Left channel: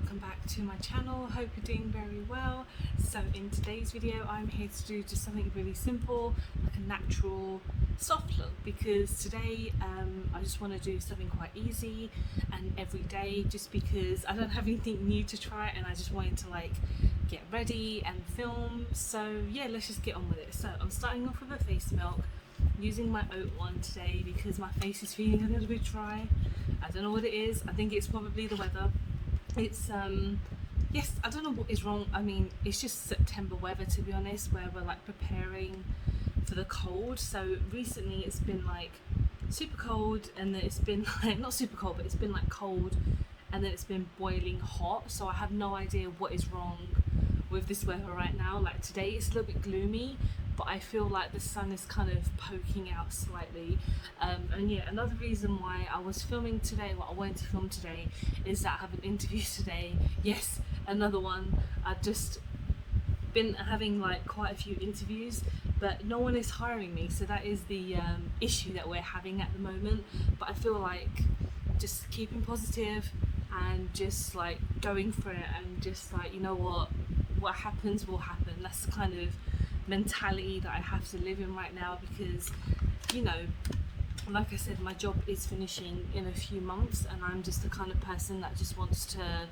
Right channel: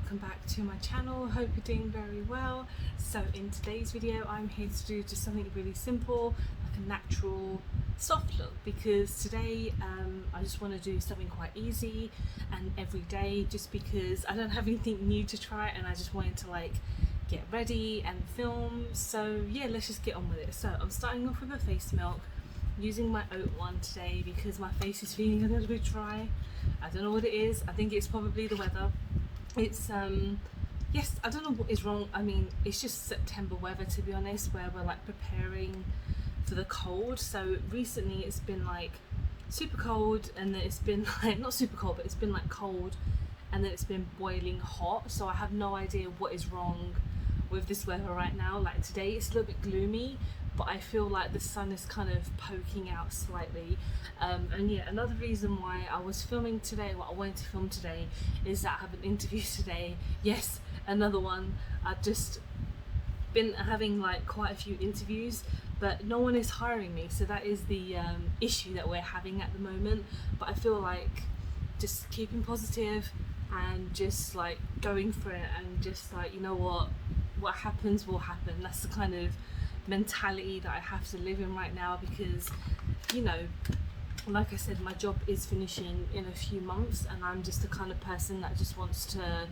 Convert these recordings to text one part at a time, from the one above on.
welcome back to my channel. Hope you're doing very well. So in today's video I'm here to do just something really simple, like a natural soft look, because today I just want to do something quite easy and everyday, just because I don't have anything new to try and I just wanted to like get ready and film. So yeah, let's just get on with it. So I'm starting off with a face milk, using my oat one today because my face is feeling a little bit dry. I don't know what it is. I think it's probably the weather. It's yes, I don't know what is wrong. I mean, it's just September weather, to be honest, where we're like preparing for the cold. So recently it's been like super cold, and then it's been like not super cold, but it's been like cold, and then it's been boiling hot. So I have no idea what is wrong with this weather right now. Like today it's a little bit gloomy, but I feel like the sun is kind of poking out slightly. And yeah, another reason why I was filming today, what I wanted to film today, is that I have an interview today. Yes, another one. I've just been having like quite a few interviews, but no one is hiring me, so that is the issue that we're having at the moment. But I feel like just keeping positive and just like going for it, and just like, you know what happens will happen. That's the kind of mentality that I have to live in right now, because, you know, like I said, my job is finishing in a few months, and I'm just the kind of person that just wants to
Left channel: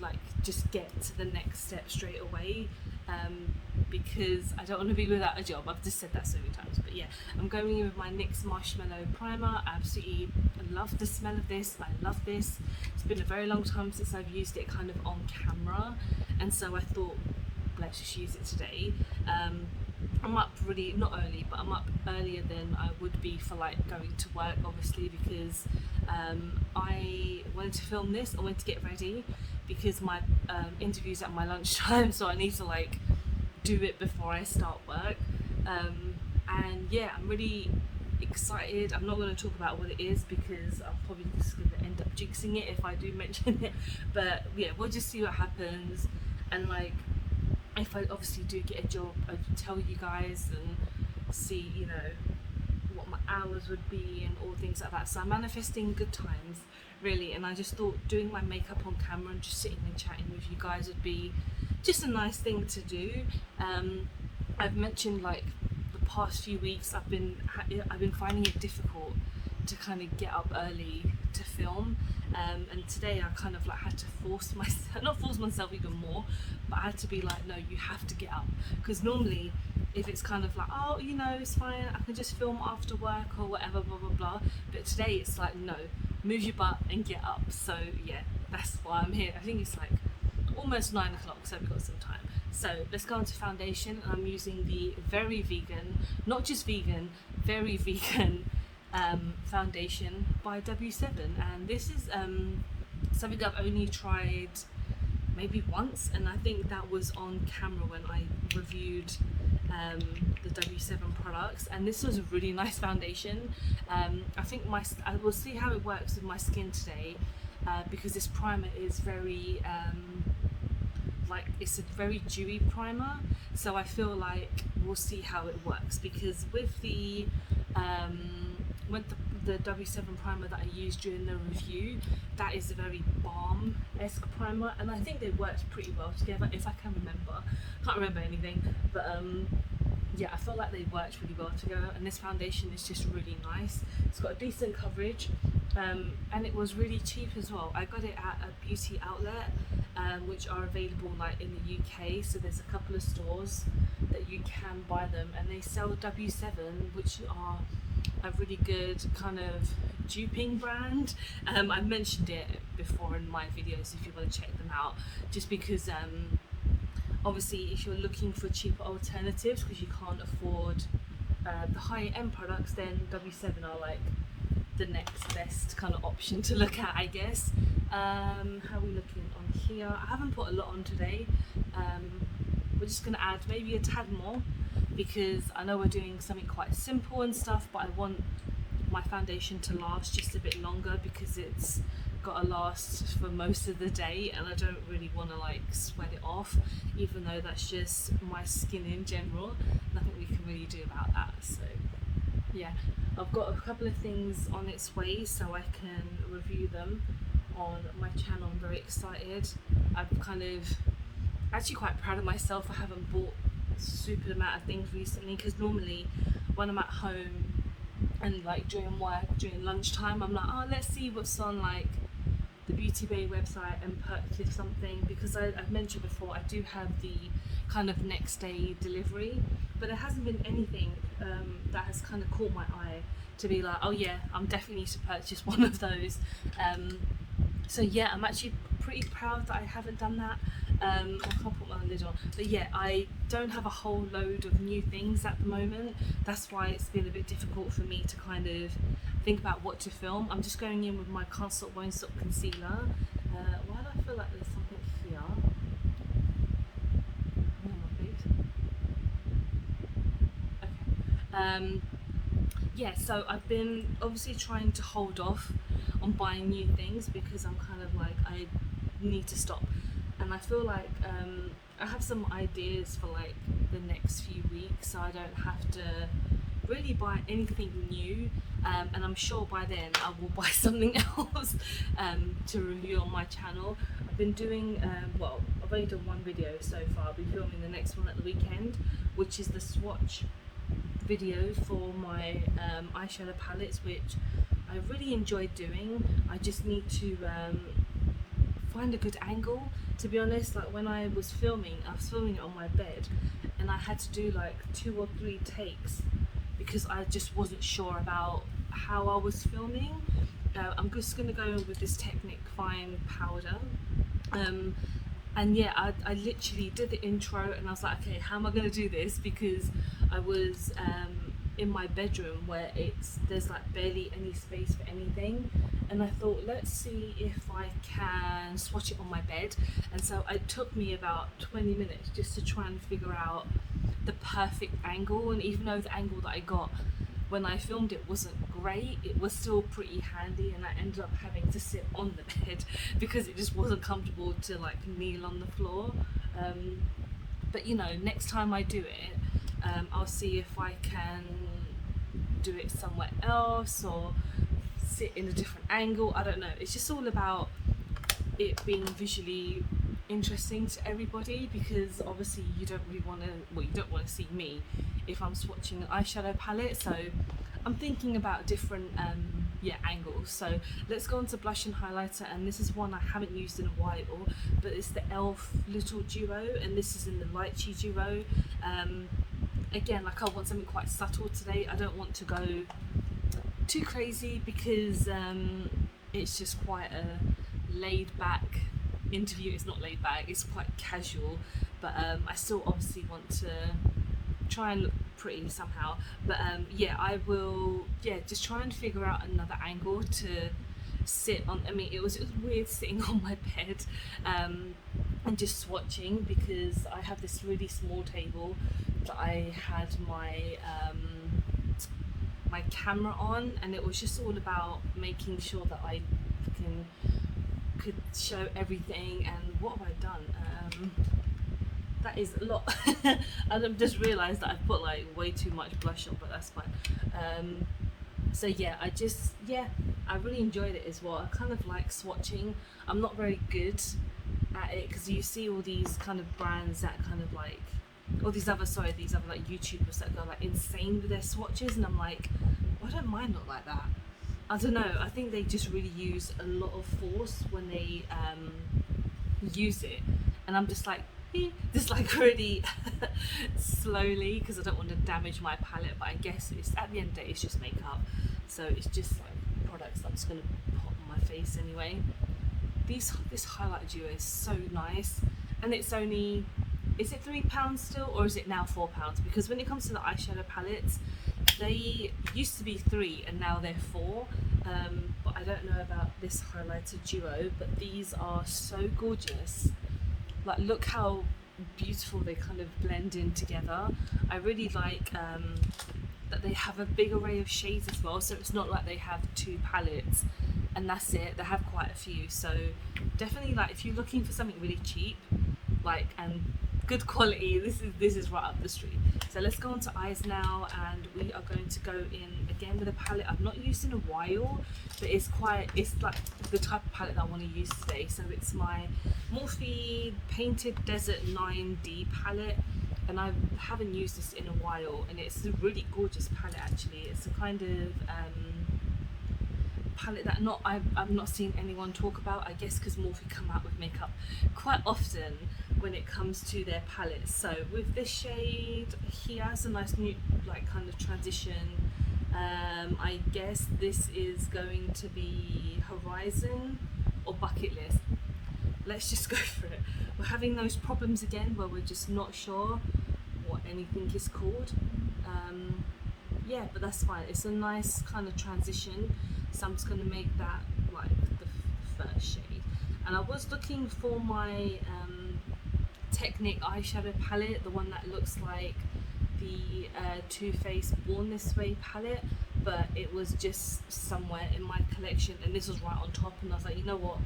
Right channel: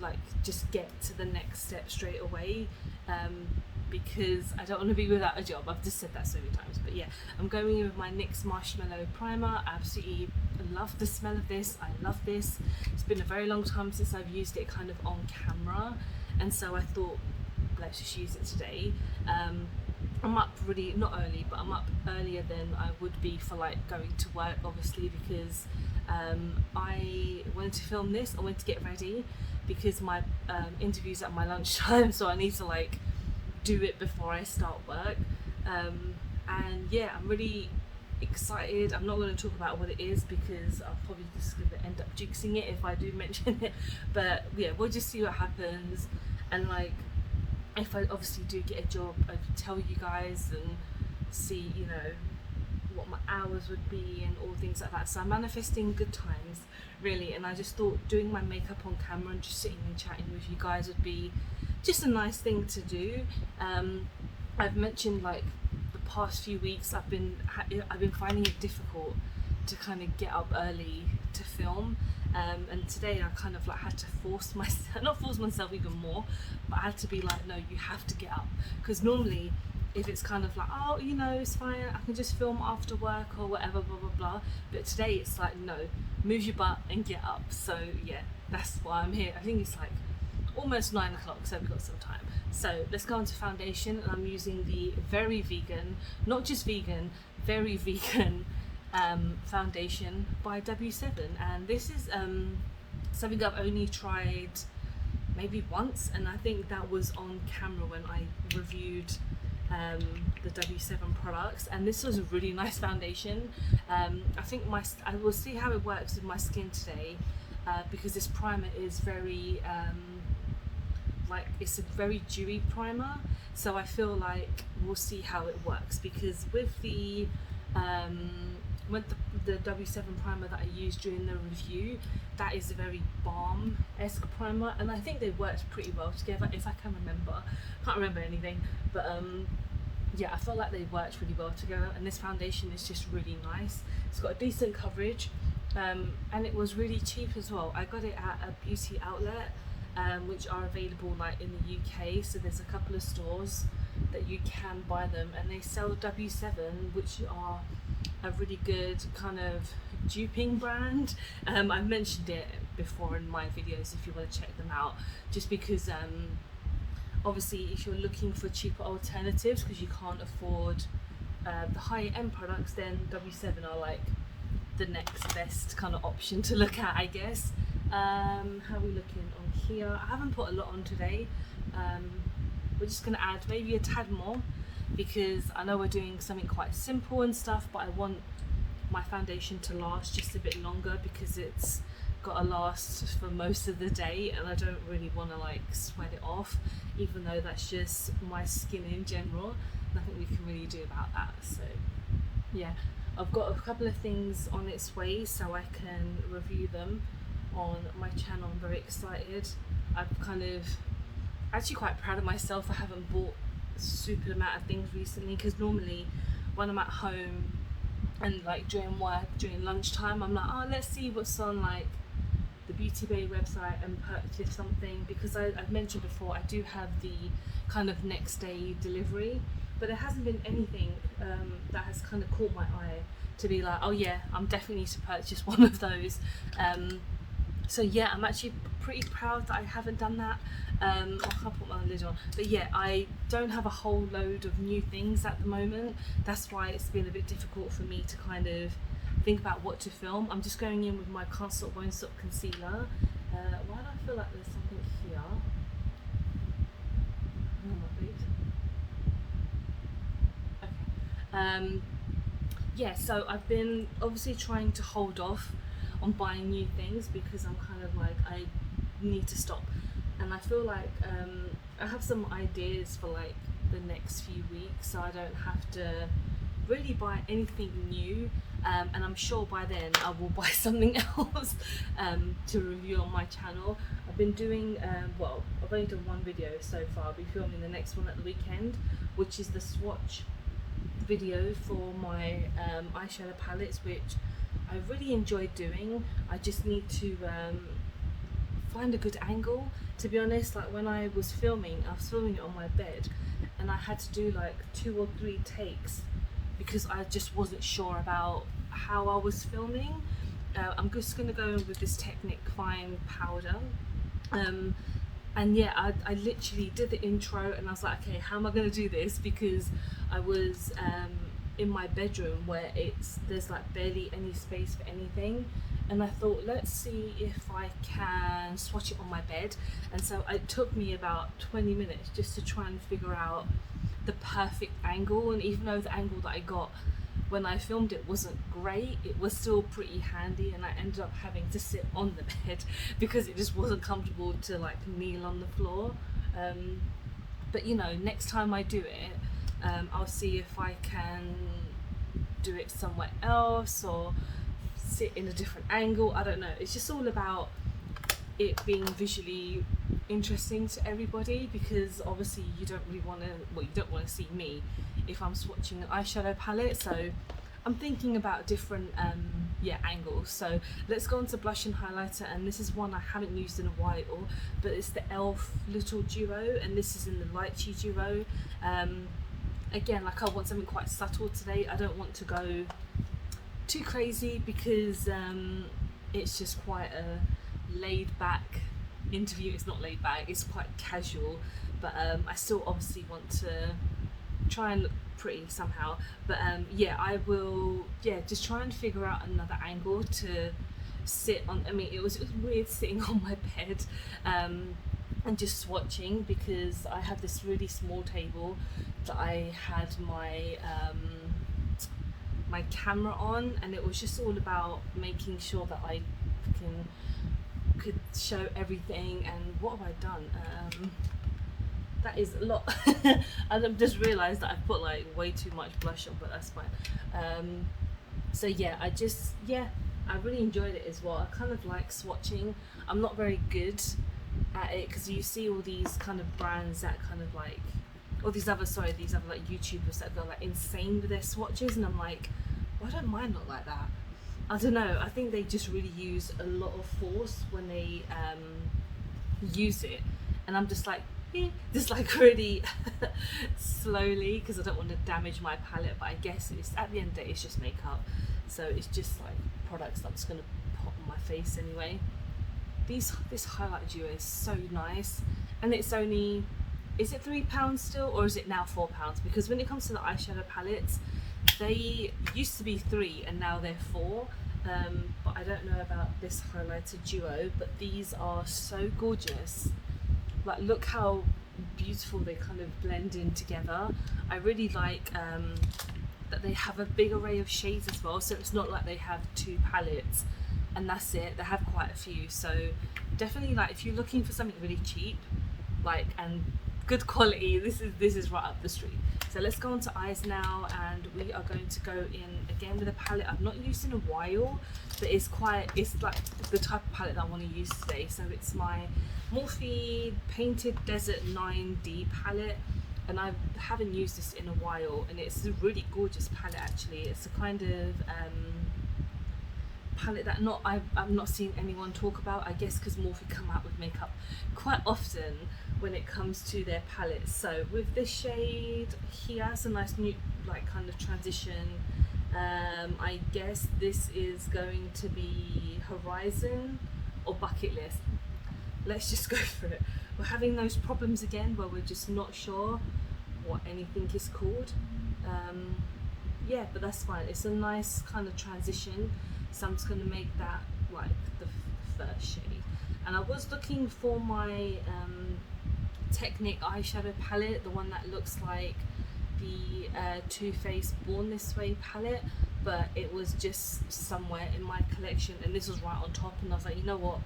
like just get to the next step straight away, because I don't want to be without a job. I've just said that so many times. But yeah, I'm going in with my NYX Marshmallow Primer. I absolutely love the smell of this. I love this. It's been a very long time since I've used it kind of on camera, and so I thought, let's just use it today. I'm up really, not early, but I'm up earlier than I would be for like going to work, obviously, because I wanted to film this. I wanted to get ready because my interview's at my lunchtime, so I need to like do it before I start work. And yeah, I'm really excited. I'm not going to talk about what it is because I'm probably just going to end up jinxing it if I do mention it. But yeah, we'll just see what happens. And like, if I obviously do get a job, I'd tell you guys and see, you know, what my hours would be and all things like that. So I'm manifesting good times, really, and I just thought doing my makeup on camera and just sitting and chatting with you guys would be just a nice thing to do. I've mentioned like the past few weeks I've been finding it difficult to kind of get up early to film, and today I kind of like had to force myself, not force myself even more, but I had to be like, no, you have to get up, because normally if it's kind of like, oh, you know, it's fine, I can just film after work or whatever, blah blah blah, but today it's like, no, move your butt and get up. So yeah, that's why I'm here. I think it's like almost 9 o'clock, so I've got some time. So let's go on to foundation, and I'm using the very vegan, not just vegan, very vegan foundation by W7, and this is something I've only tried maybe once, and I think that was on camera when I reviewed the W7 products, and this was a really nice foundation. I think I will see how it works with my skin today, because this primer is very like, it's a very dewy primer, so I feel like we'll see how it works, because with the W7 primer that I used during the review, that is a very balm-esque primer, and I think they worked pretty well together, if I can remember. Can't remember anything, but yeah, I felt like they worked really well together, and this foundation is just really nice. It's got a decent coverage, and it was really cheap as well. I got it at a beauty outlet, which are available like in the UK, so there's a couple of stores that you can buy them, and they sell W7, which are a really good kind of duping brand. I've mentioned it before in my videos if you want to check them out, just because obviously if you're looking for cheaper alternatives because you can't afford the higher end products, then W7 are like the next best kind of option to look at, I guess. How are we looking on here? I haven't put a lot on today. We're just going to add maybe a tad more, because I know we're doing something quite simple and stuff, but I want my foundation to last just a bit longer, because it's got to last for most of the day, and I don't really want to like sweat it off, even though that's just my skin in general. Nothing we can really do about that. So yeah, I've got a couple of things on its way, so I can review them on my channel. I'm very excited. I've actually quite proud of myself. I haven't bought a super amount of things recently, because normally when I'm at home and like during work, during lunchtime, I'm like, oh, let's see what's on like the Beauty Bay website and purchase something, because I've mentioned before I do have the kind of next day delivery, but there hasn't been anything that has kind of caught my eye to be like, oh yeah, I'm definitely need to purchase one of those. So yeah, I'm actually pretty proud that I haven't done that. I can't put my lid on, but yeah, I don't have a whole load of new things at the moment. That's why it's been a bit difficult for me to kind of think about what to film. I'm just going in with my Can't Stop Won't Stop concealer. Why do I feel like there's something here? Oh my feet. Okay. Yeah, so I've been obviously trying to hold off on buying new things, because I'm kind of like, I need to stop. And I feel like I have some ideas for like the next few weeks, so I don't have to really buy anything new. And I'm sure by then I will buy something else to review on my channel. I've been doing, well, I've only done one video so far. I'll be filming the next one at the weekend, which is the swatch video for my eyeshadow palettes, which I really enjoyed doing. I just need to find a good angle, to be honest. Like when I was filming it on my bed, and I had to do like 2 or 3 takes because I just wasn't sure about how I was filming. I'm just going to go in with this Technic Fine powder. And yeah, I literally did the intro and I was like, okay, how am I going to do this? Because I was in my bedroom where there's like barely any space for anything. And I thought, let's see if I can swatch it on my bed. And so it took me about 20 minutes just to try and figure out the perfect angle. And even though the angle that I got when I filmed it wasn't great, it was still pretty handy, and I ended up having to sit on the bed because it just wasn't comfortable to like kneel on the floor. But you know, next time I do it, I'll see if I can do it somewhere else or sit in a different angle. I don't know, it's just all about it being visually interesting to everybody, because obviously you don't really want to, well, you don't want to see me if I'm swatching an eyeshadow palette. So I'm thinking about different angles. So let's go on to blush and highlighter, and this is one I haven't used in a while, but it's the Elf Little Duo, and this is in the Lychee Duo. Again, like I want something quite subtle today. I don't want to go too crazy because it's just quite a laid back interview. It's not laid back, it's quite casual, but I still obviously want to try and look pretty somehow. But yeah, I will just try and figure out another angle to sit on. I mean, it was weird sitting on my bed and just swatching, because I have this really small table that I had my my camera on, and it was just all about making sure that I could show everything. And what have I done? That is a lot. I've just realised that I've put like way too much blush on, but that's fine. So yeah, I really enjoyed it as well. I kind of like swatching. I'm not very good at it, because you see all these kind of brands that kind of like, or these other like YouTubers that go like insane with their swatches, and I'm like, why don't mine look like that? I don't know, I think they just really use a lot of force when they use it, and I'm just like, just like really slowly, because I don't want to damage my palette. But I guess it's, at the end of the day, it's just makeup, so it's just like products that I'm just going to put on my face anyway. This highlight duo is so nice, and it's only, is it £3 still, or is it now £4? Because when it comes to the eyeshadow palettes, they used to be 3 and now they're 4. But I don't know about this highlighter duo, but these are so gorgeous. Like, look how beautiful they kind of blend in together. I really like that they have a big array of shades as well, so it's not like they have 2 palettes and that's it. They have quite a few, so definitely, like, if you're looking for something really cheap, like, and good quality, this is right up the street. So let's go on to eyes now, and we are going to go in again with a palette I've not used in a while, but it's like the type of palette that I want to use today. So it's my Morphe Painted Desert 9D palette, and I haven't used this in a while, and it's a really gorgeous palette actually. It's a kind of palette that I've not seen anyone talk about, I guess because Morphe come out with makeup quite often when it comes to their palettes. So with this shade here, it's a nice new like kind of transition. I guess this is going to be Horizon or Bucket List. Let's just go for it. We're having those problems again where we're just not sure what anything is called. Yeah, but that's fine. It's a nice kind of transition, so I'm just going to make that like the first shade. And I was looking for my Technic eyeshadow palette, the one that looks like the Too Faced Born This Way palette, but it was just somewhere in my collection, and this was right on top, and I was like, you know what,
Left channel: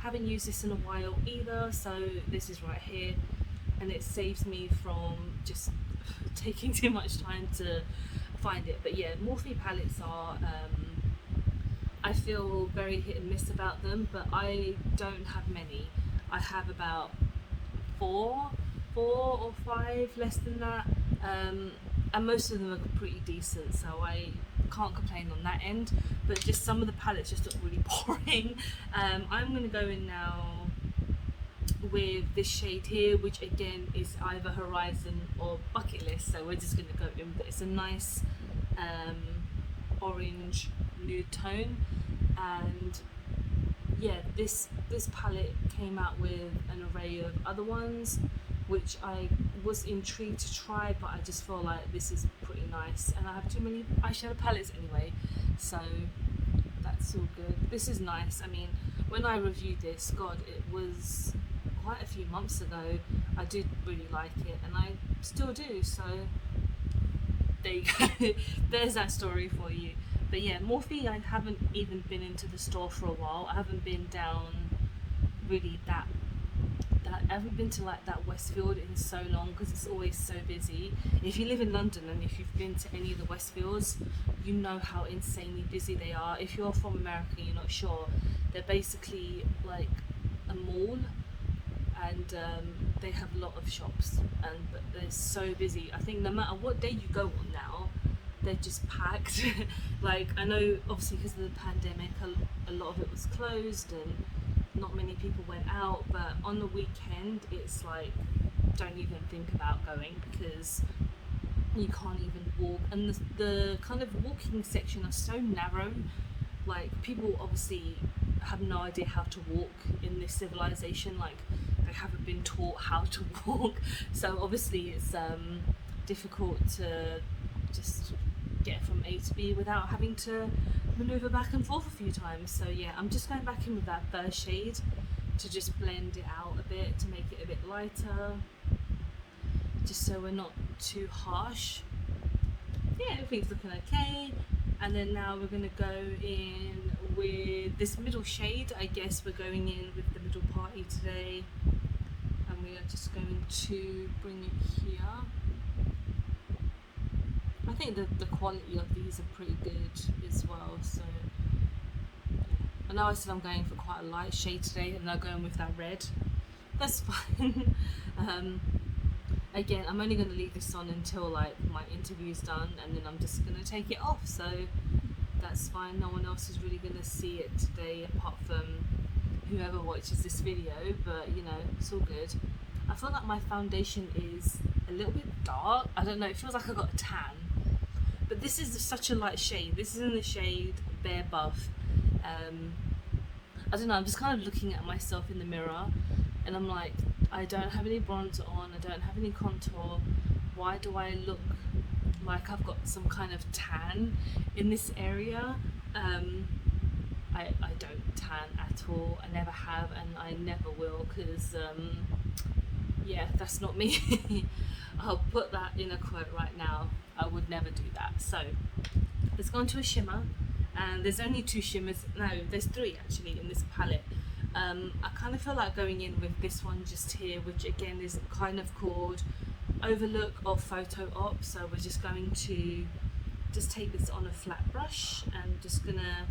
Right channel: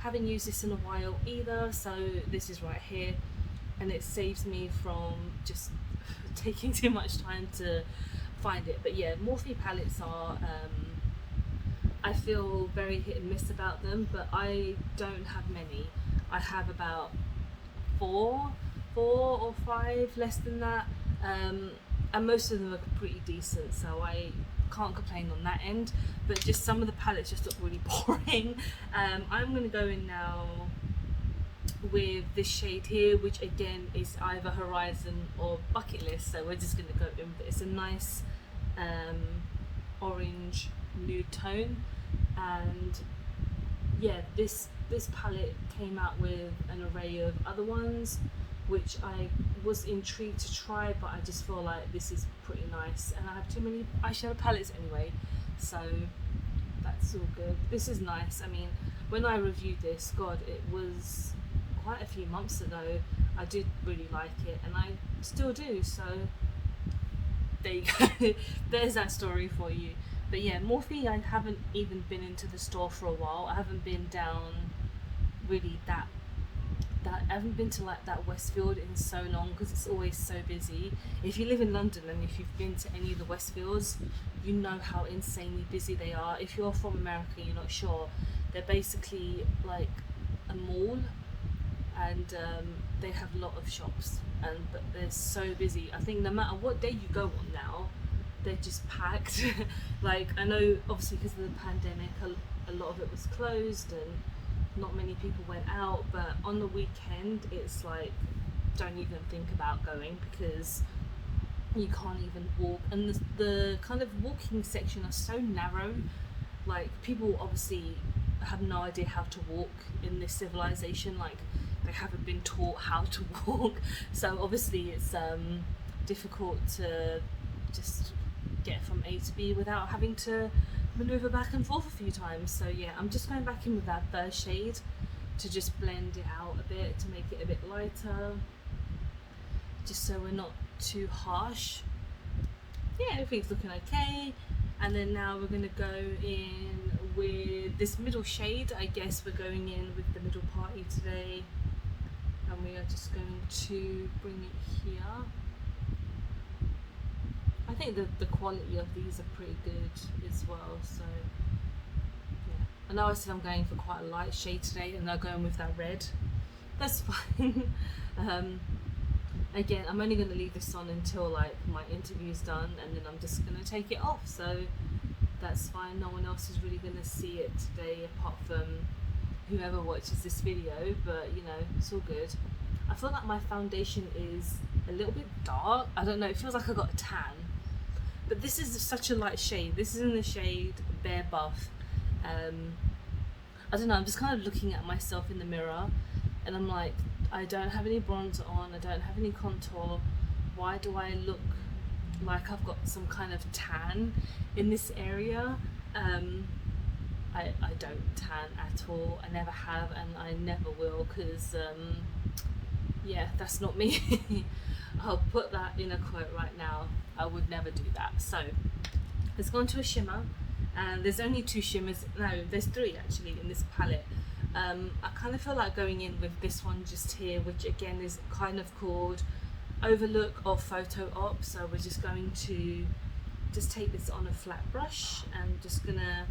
haven't used this in a while either, so this is right here, and it saves me from just taking too much time to find it. But yeah, Morphe palettes are I feel very hit and miss about them, but I don't have many. I have about four or five, less than that, and most of them are pretty decent, so I can't complain on that end. But just some of the palettes just look really boring. I'm going to go in now with this shade here, which again is either Horizon or Bucket List, so we're just going to go in with it. It's a nice orange nude tone, and yeah, this palette came out with an array of other ones which I was intrigued to try, but I just feel like this is pretty nice, and I have too many eyeshadow palettes anyway, so that's all good. This is nice. I mean, when I reviewed this, god, it was quite a few months ago. I did really like it, and I still do, so there you go. There's that story for you. But yeah, Morphe, I haven't even been into the store for a while. I haven't been down really that I haven't been to like that Westfield in so long, because it's always so busy. If you live in London and if you've been to any of the Westfields, you know how insanely busy they are. If you're from America, you're not sure, they're basically like a mall, and they have a lot of shops, but they're so busy. I think no matter what day you go on now, they're just packed. Like, I know obviously because of the pandemic, a lot of it was closed and not many people went out, but on the weekend it's like, don't even think about going, because you can't even walk, and the kind of walking section are so narrow. Like, people obviously have no idea how to walk in this civilization. Like, they haven't been taught how to walk, so obviously it's difficult to just get from A to B without having to maneuver back and forth a few times. So yeah, I'm just going back in with that first shade to just blend it out a bit, to make it a bit lighter, just so we're not too harsh. Yeah, everything's looking okay. And then now we're going to go in with this middle shade. I guess we're going in with the middle party today, and we are just going to bring it here. I think the quality of these are pretty good as well, so yeah. I know I said I'm going for quite a light shade today, and I'm going with that red. That's fine. Again, I'm only going to leave this on until like my interview's done, and then I'm just going to take it off, so that's fine. No one else is really going to see it today apart from whoever watches this video, but you know, it's all good. I feel like my foundation is a little bit dark. I don't know, it feels like I got a tan, but this is such a light shade. This is in the shade Bare Buff. I don't know, I'm just kind of looking at myself in the mirror, and I'm like, I don't have any bronzer on, I don't have any contour. Why do I look like I've got some kind of tan in this area? I don't tan at all. I never have, and I never will, because yeah, that's not me. I'll put that in a quote right now. I would never do that. So let's go on to a shimmer, and there's only two shimmers. No, there's three actually in this palette. I kind of feel like going in with this one just here, which again is kind of called overlook of photo op. So we're just going to just take this on a flat brush and just gonna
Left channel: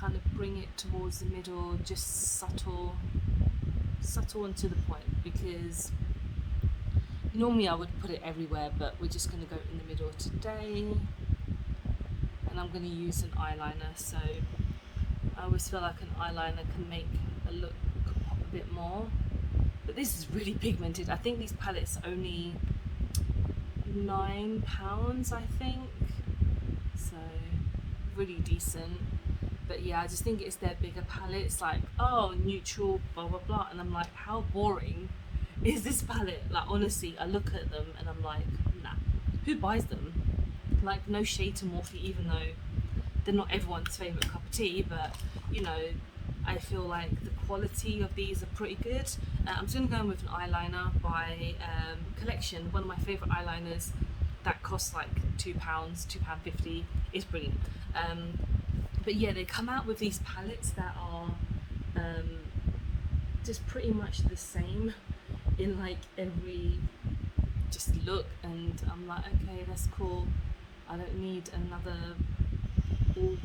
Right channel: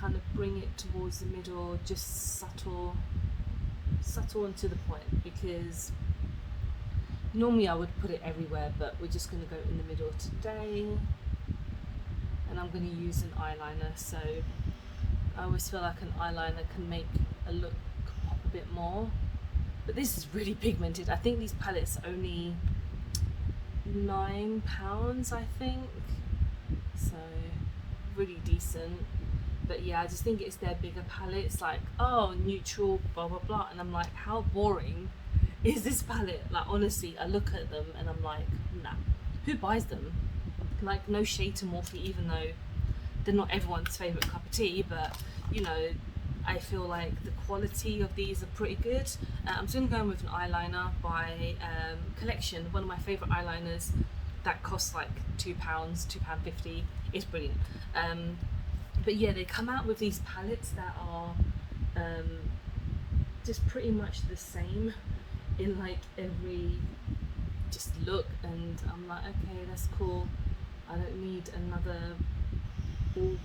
kind of bring it towards the middle, just subtle and to the point, because normally I would put it everywhere, but we're just going to go in the middle today. And I'm going to use an eyeliner, so I always feel like an eyeliner can make a look pop a bit more. But this is really pigmented. I think these palettes are only £9, I think, so really decent. But yeah, I just think it's their bigger palettes, like, oh, neutral, blah blah blah, and I'm like, how boring is this palette? Like, honestly, I look at them and I'm like, nah, who buys them? Like, no shade to Morphe, even though they're not everyone's favourite cup of tea, but you know, I feel like the quality of these are pretty good. I'm still going with an eyeliner by Collection, one of my favourite eyeliners that costs like £2, £2.50. It's brilliant. But yeah, they come out with these palettes that are just pretty much the same in like every just look, and I'm like, okay, that's cool. I don't need another all,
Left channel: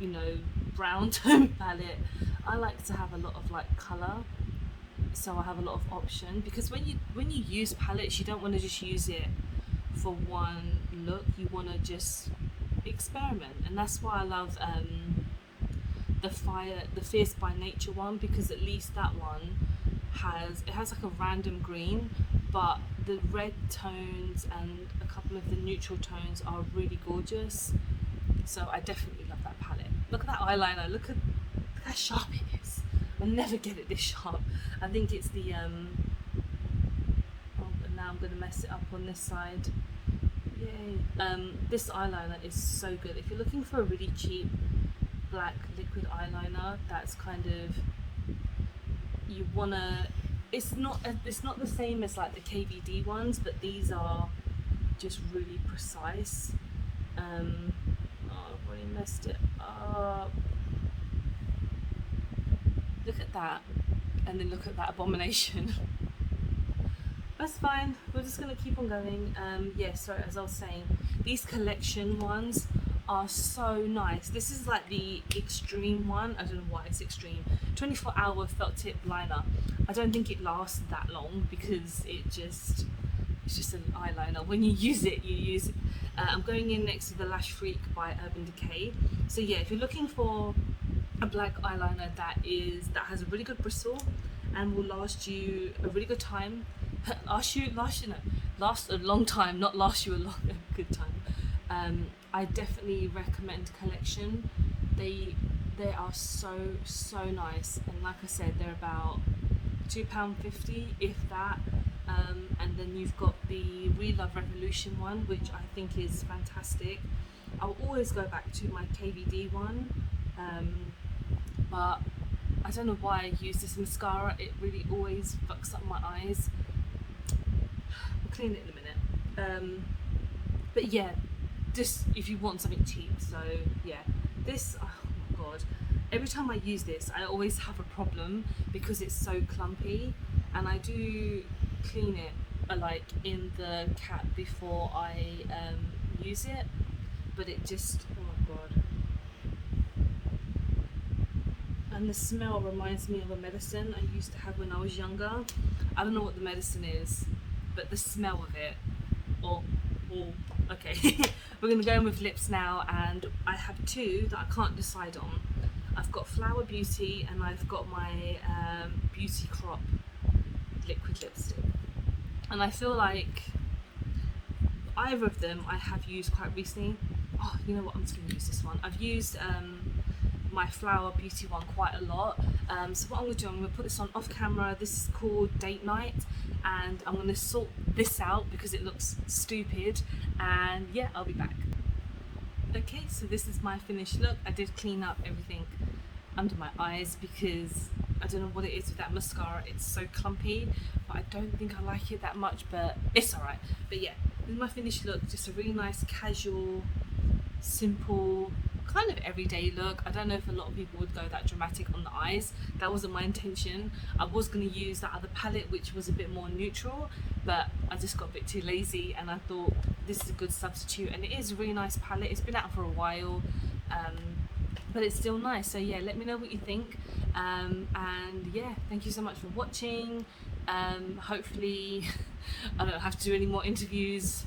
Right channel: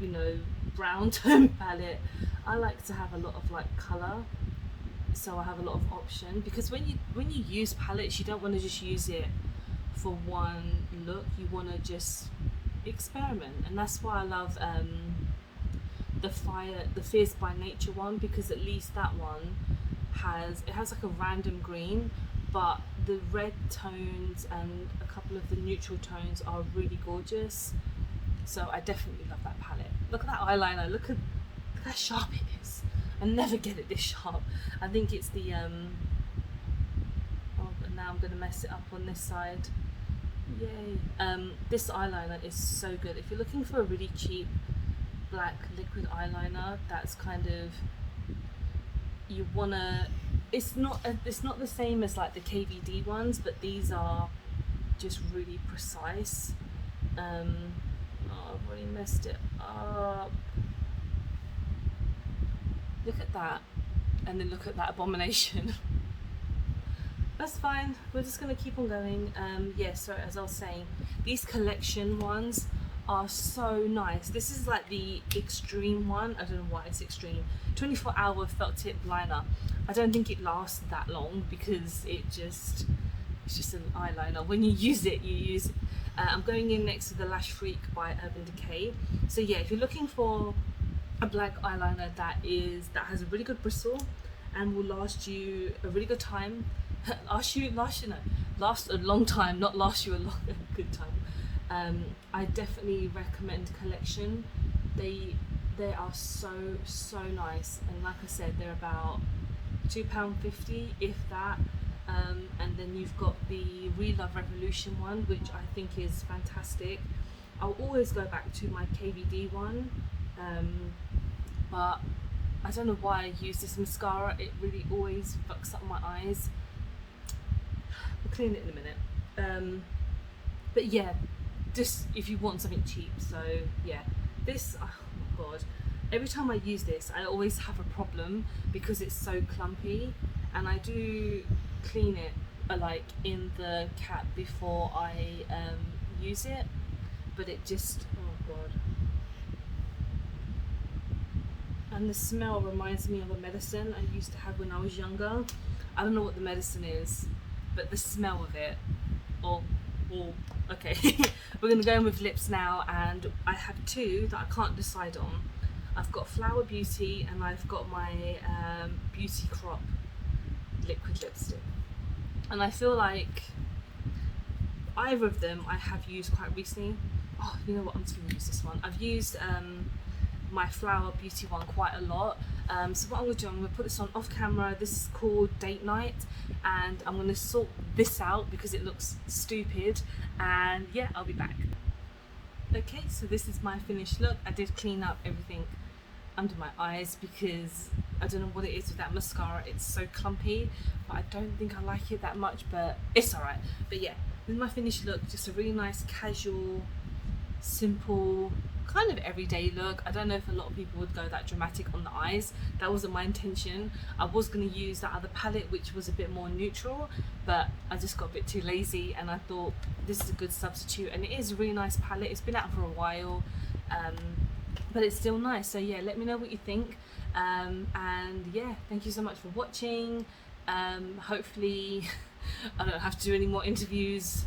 you know, brown tone palette. I like to have a lot of like colour, so I have a lot of option, because when you use palettes, you don't want to just use it for one look. You want to just experiment, and that's why I love the Fierce by Nature one, because at least that one has like a random green, but the red tones and a couple of the neutral tones are really gorgeous. So I definitely love that palette. Look at that eyeliner, look how sharp it is. I never get it this sharp. I think it's the oh, but now I'm gonna mess it up on this side. Yay. This eyeliner is so good. If you're looking for a really cheap black liquid eyeliner, that's kind of, you wanna, it's not the same as like the KVD ones, but these are just really precise. Oh, I've already messed it up. Look at that, and then look at that abomination. That's fine, we're just gonna keep on going. Yeah, so as I was saying, these Collection ones are so nice. This is like the extreme one. I don't know why it's extreme. 24-hour felt tip liner. I don't think it lasts that long, because it's just an eyeliner. When you use it, you use it. I'm going in next to the Lash Freak by Urban Decay. So yeah, if you're looking for a black eyeliner that has a really good bristle and will last you a really good time, last a long time, not last you a good time. I definitely recommend Collection. They are so nice, and like I said, they're about £2.50 if that. And then you've got the Revolution one, which I think is fantastic. I'll always go back to my KVD one, but I don't know why I use this mascara. It really always fucks up my eyes. I'll clean it in a minute. But yeah, just if you want something cheap. So yeah, this, oh my god, every time I use this I always have a problem because it's so clumpy, and I do clean it like in the cap before I use it, but it just, oh god. And the smell reminds me of a medicine I used to have when I was younger. I don't know what the medicine is, but the smell of it, oh okay. We're gonna go in with lips now, and I have two that I can't decide on. I've got Flower Beauty and I've got my beautycrop liquid lipstick, and I feel like either of them I have used quite recently. Oh, you know what, I'm just gonna use this one. I've used my Flower Beauty one quite a lot. So what I'm gonna do, I'm gonna put this on off camera. This is called Date Night, and I'm gonna sort this out because it looks stupid, and yeah, I'll be back. Okay, so this is my finished look. I did clean up everything under my eyes because I don't know what it is with that mascara. It's so clumpy, but I don't think I like it that much, but it's alright. But yeah, this is my finished look. Just a really nice, casual, simple kind of everyday look. I don't know if a lot of people would go that dramatic on the eyes. That wasn't my intention. I was going to use that other palette which was a bit more neutral, but I just got a bit too lazy and I thought this is a good substitute, and it is a really nice palette. It's been out for a while, but it's still nice. So yeah, let me know what you think, and yeah, thank you so much for watching. Hopefully I don't have to do any more interviews,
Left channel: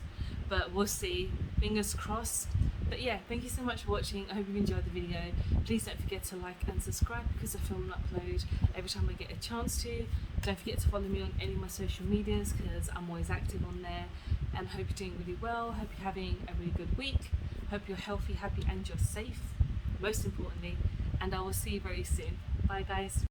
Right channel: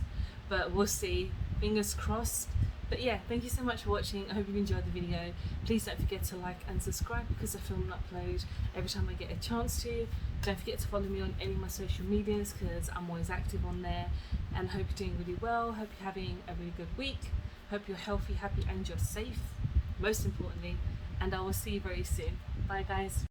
but we'll see, fingers crossed. But yeah, thank you so much for watching. I hope you enjoyed the video. Please don't forget to like and subscribe because I film and upload every time I get a chance to. Don't forget to follow me on any of my social medias because I'm always active on there, and hope you're doing really well. Hope you're having a really good week. Hope you're healthy, happy and you're safe, most importantly, and I will see you very soon. Bye guys.